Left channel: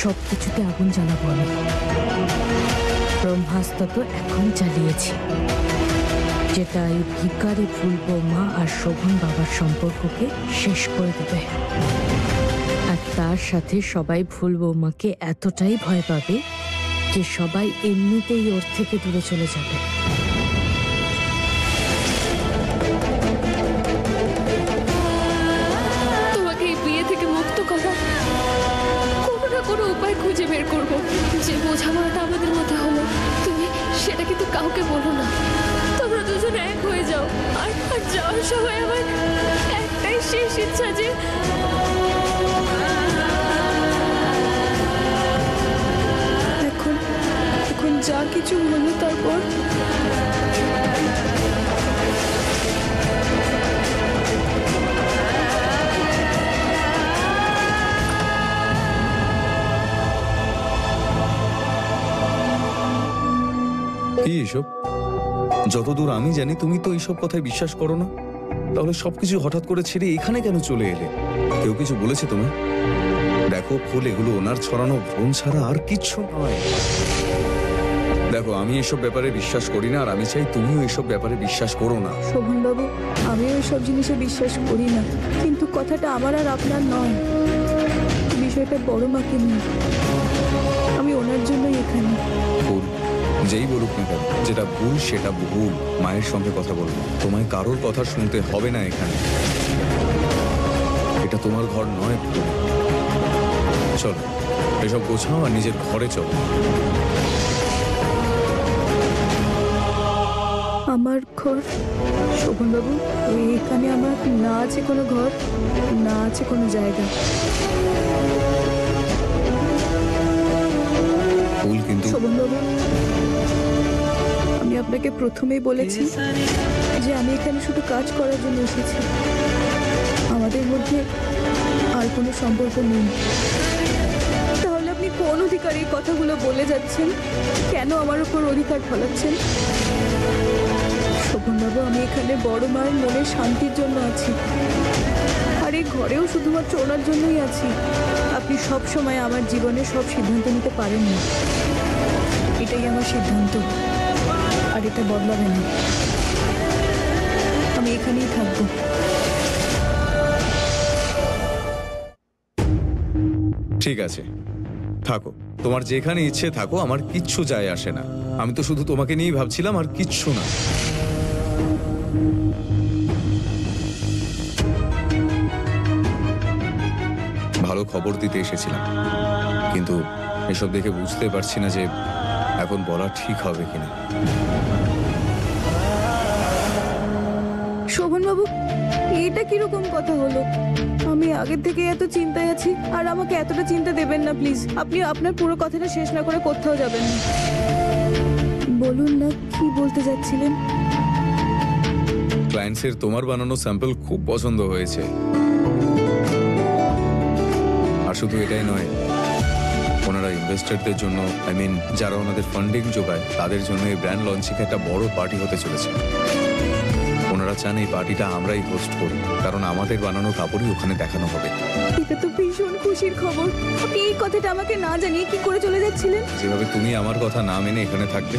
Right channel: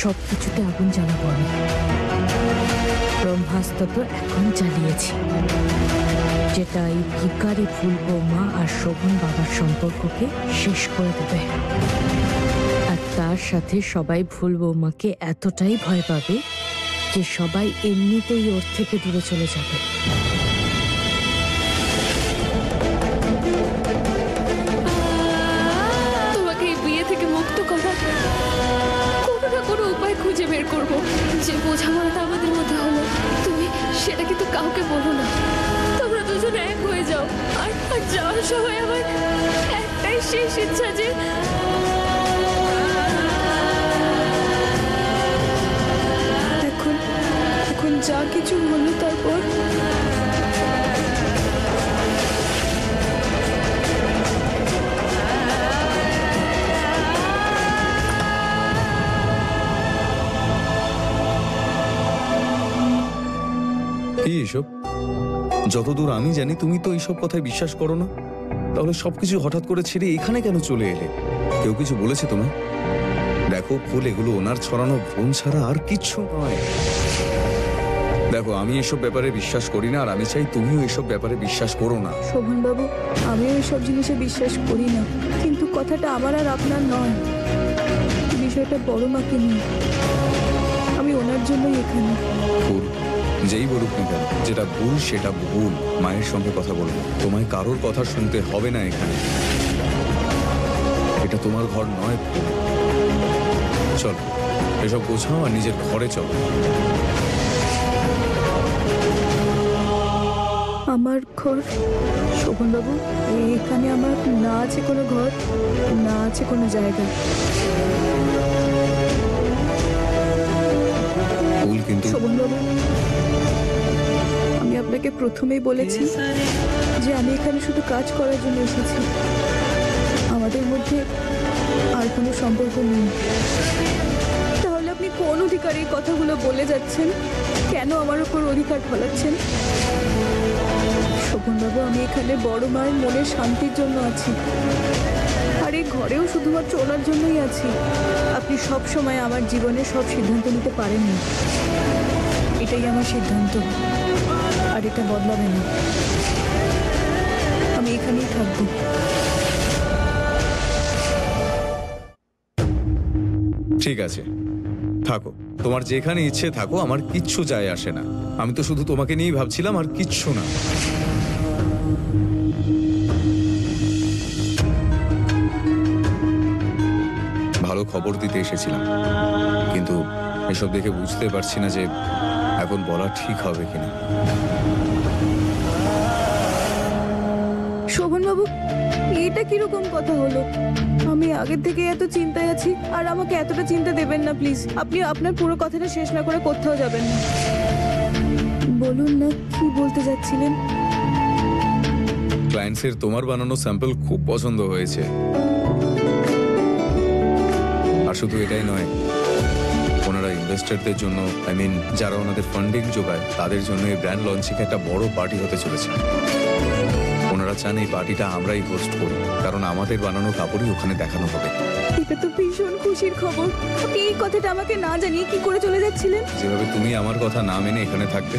সবকিছুতে আগুন জ্বালাবো আমি। ব্রহ্মাস্ত্র তো এখন চালিয়েছি, যেটা এই ভিখারি ফুল বৌমা আর শোভন বাবার সম্পর্ককে শেষ করে দেবে। আর তার সাথে সবাই ফুল বৌমাকে এতটাই ভয় পাবে যে সবাই এমনিতেই ওর থেকে দূরে চলে যাবে। তোমাকে এই বিয়ে থেকে মুক্ত করার কোনো না কোনো উপায় খুঁজে বের করব। যে বোঝাপড়াটা আমাদের মধ্যে হলো, তুমি সেটা কিন্তু কাউকে বলো না। তোমরা দুজন এক হয়ে যাও। আর যাওয়ার সময় আমার একটাই শেষ ইচ্ছা যে এখন যা কিছু হলো তারপর কি এসব? যতদূর আমি জানি তুমি তো এইসব কথায় বিশ্বাস করো না। তাহলে সবকিছু হঠাৎ করে ছেড়ে এখানে কেন চলে এলে? কেউ কিছু বলেছে তোমায়? দেখো ফুল, এগুলো ওনার ছড়ানো ভ্রম ছাড়া আর কিচ্ছু নয়। দেখো, আমি এসব ব্যাপারে বিশ্বাস করি না, আর আমি চাই তুমিও এসব ব্যাপারে বিশ্বাস করো না। শোভন বাবু, আমিও এসব জিনিসে বিশ্বাস করি না, কিন্তু কথাটা আমার আর আপনার নয়। বিষয়টা বড় মাকে নিয়ে। আমি ওনার জন্যই এখানে। ফুল, যেই বলুক না কেন, যেটা ভুল সেটা ভুল। মায়ের সঙ্গে কথা বলবো, তোমায় কারোর কথা শুনতে হবে না এখানে। এটা তোমার ঘর নয় ফুল। চলো, এসব গোছাও আর নিজের ঘরে চলো। আমার ঘর? শোভন বাবু, এখানে আমার না আছে কোনো ঘর, না আছে কোনো জায়গা। ফুল, কিন্তু শোভন বাবু, আমি আপনাকে প্রথমেই বলেছি যে আমি এখানে শুধু কাজ করার জন্য এসেছি। আমাদের মধ্যে আর কোনো সম্পর্ক নেই। তাহলে আপনি কোন অধিকারে এই কথাগুলো বলে যাচ্ছেন? কেন আমার উপর অধিকার ফলাচ্ছেন? শোভনবাবু, আমি এখানে বড় মায়ের মনের শান্তির জন্য আছি, আর এই ঘরেও শুধুমাত্র ওনার জন্যই আছি। আপনি সব সময় আমার জীবনে সব সিদ্ধান্ত নিতে পারেন না। এটাই আমার সিদ্ধান্ত, আর এটা বদলাবে না। আমি এখানেই থাকবো। ঠিক আছে, থাকো। তোমার যেখানে ইচ্ছে থাকো, আমার কিচ্ছু যায় আসে না। আমি তো শুধু তোমাকে নিয়েই ভাবছিলাম, আর কিচ্ছু না। ভালো খবর দিতে এসেছিলাম, কিন্তু এসব দেখে বুঝতে পারছি না যে এখন বলা ঠিক হবে কিনা। শোভনবাবু, এটা কিরকম কথা হলো? আমি আগের থেকে এত চিন্তায় আছি, আর আমাকে এতটা চিন্তা দেবেন না প্লিজ। আপনি আপনার পুরো কথাটা শেষ না করে কোথাও যাবেন না। বলুন না, কি বলতে যাচ্ছিলেন? ক্লায়েন্টসের তোমার বানানো স্যাম্পল খুব পছন্দ হয়েছে। আর শুধু এটাই নয়, ওনারা ইনভেস্টরদের জন্য, যারা ওনাদের ফান্ডিং যোগায়, তাদের জন্য এই ব্র্যান্ড লঞ্চিং একটা বড় পার্টি হতে চলেছে। ওনারা চান এই পার্টিটা আমরাই হোস্ট করি, কারণ আমাদের বানানো কাপড়ই ওখানে দেখানো হবে। এটা তো ভীষণ খুশির খবর। আপনি এই কথাটা আমাকে না জানিয়ে কি করে চলে যাচ্ছিলেন? যেভাবে তুমি আমার কথা না মেনে এখানে থাকবে।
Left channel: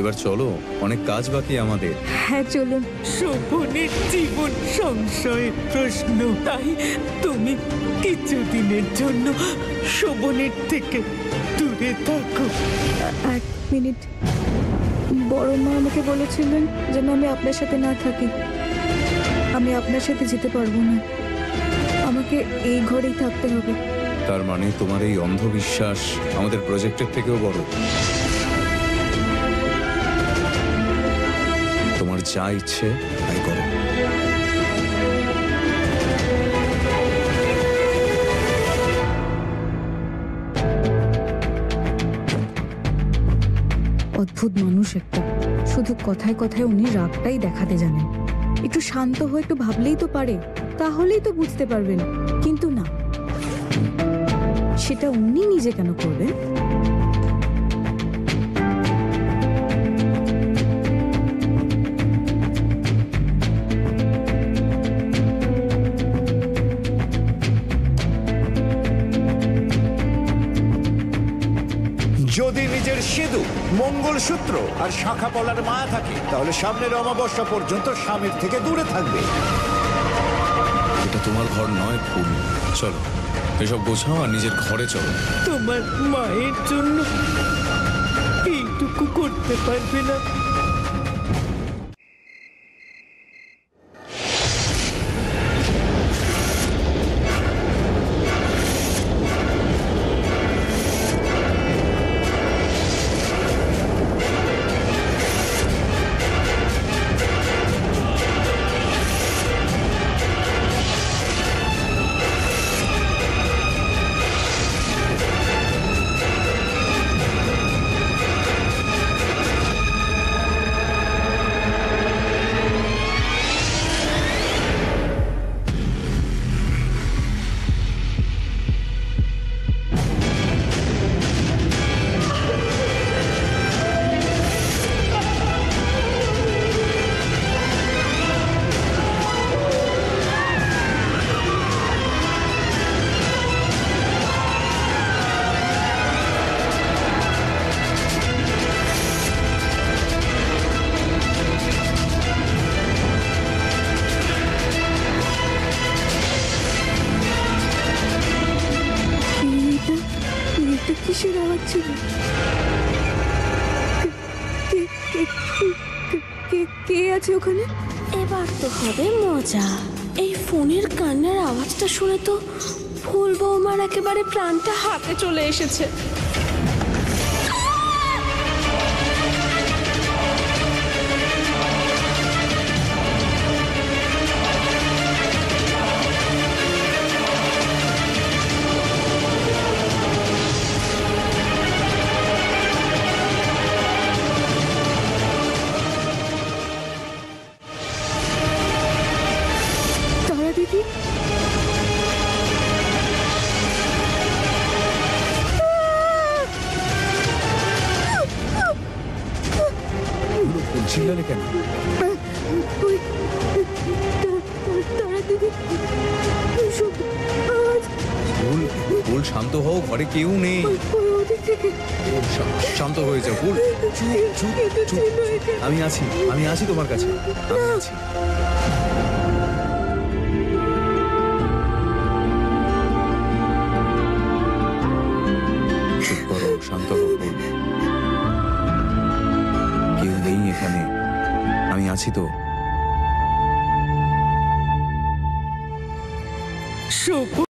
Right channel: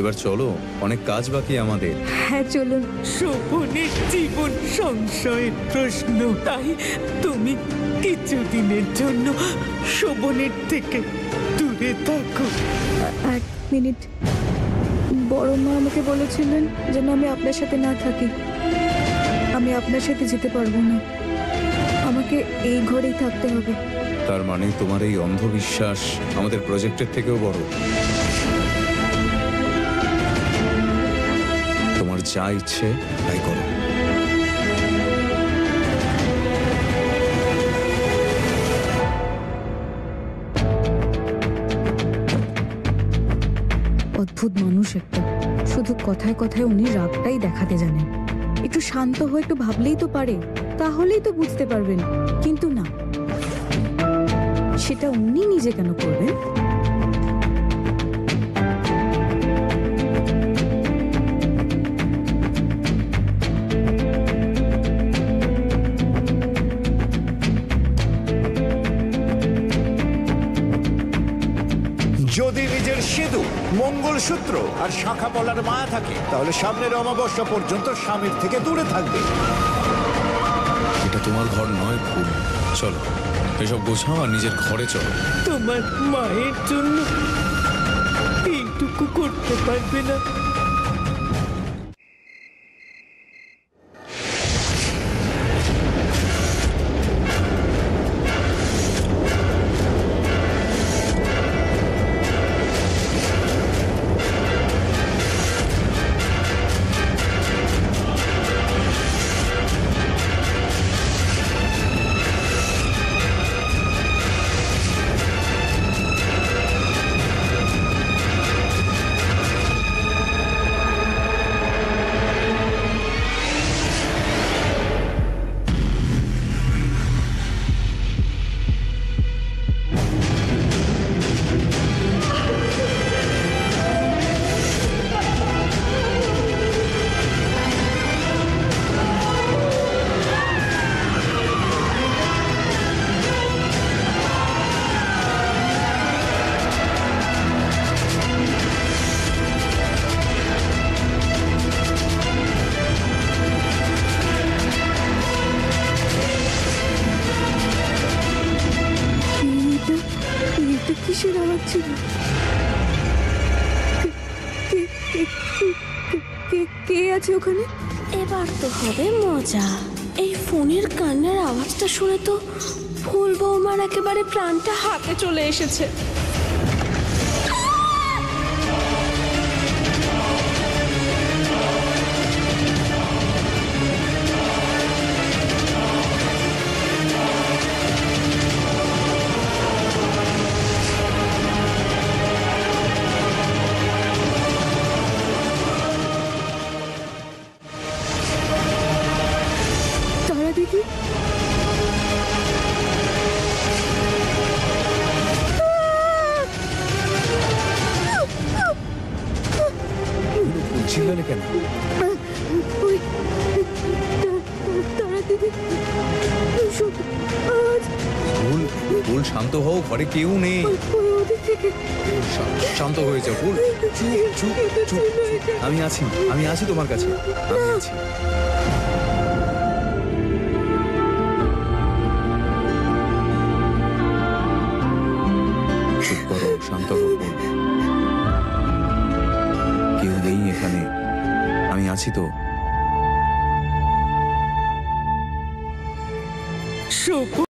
এবার চলো, অনেক কাজ বাকি আমাদের। হ্যাঁ, চলুন। শোভনের জীবন সংশয়ের প্রশ্ন, তাই তুমি কিছুদিনের জন্য শোভনের থেকে দূরে থাকো। এক মিনিট। বড় মা আমাকে বলেছিলেন যেন আমি আপনার সাথে না থাকি। আমি আপনার সাথে যেতে পারবো না, আমাকে এই ঘরেই থাকতে হবে। তার মানে তোমার এই অন্ধবিশ্বাস আমাদের প্রজেক্টের থেকেও বড়। তোমার যা ইচ্ছে তাই করো। অদ্ভুত মানুষ একটা। শুধু কথায় কথায় উনি রাগটাই দেখাতে জানেন। একটু শান্ত হয়ে একটু ভাবলেই তো পারে, তাহলেই তো বুঝতে পারবেন। কিন্তু না, সেটা উনি নিজে কেন করবেন? যদি নিজের সিঁদুর, মঙ্গলসূত্র আর শাখা পলার মায়া থাকে তাহলে সামনের অমাবস্যা পর্যন্ত স্বামীর থেকে দূরে থাকবে। এটা তোমার ঘর নয় ফুল, চলো এসব গোছাও আর নিজের ঘরে চলো। তোমার মায়ের জন্য এইটুকু করতে পারবে না? এটা কিসের আওয়াজ ছিল? কে আছে ওখানে? এবার তো হবে মজা। এই ফোনের কান্নার আওয়াজটা শুনে তো ফুল বৌমার একেবারে প্রাণটা হাতে চলে এসেছে। তারা দিদি, ফুল চিল্লালে কেন? ওই তারা দিদি, সব আওয়াজ ফুল, ফুল শান্ত হও, ঘরে কেউ নেই। ওই ওদিক থেকে। ফুল, শান্ত হয়ে যাও ফুল, চুপ চুপ চুপ। আমি আছি তোমার কাছে, আমি আছি। চুপ করো, শান্ত হও ফুল, কেউ নেই এখানে, আমি আছি তো। শোভন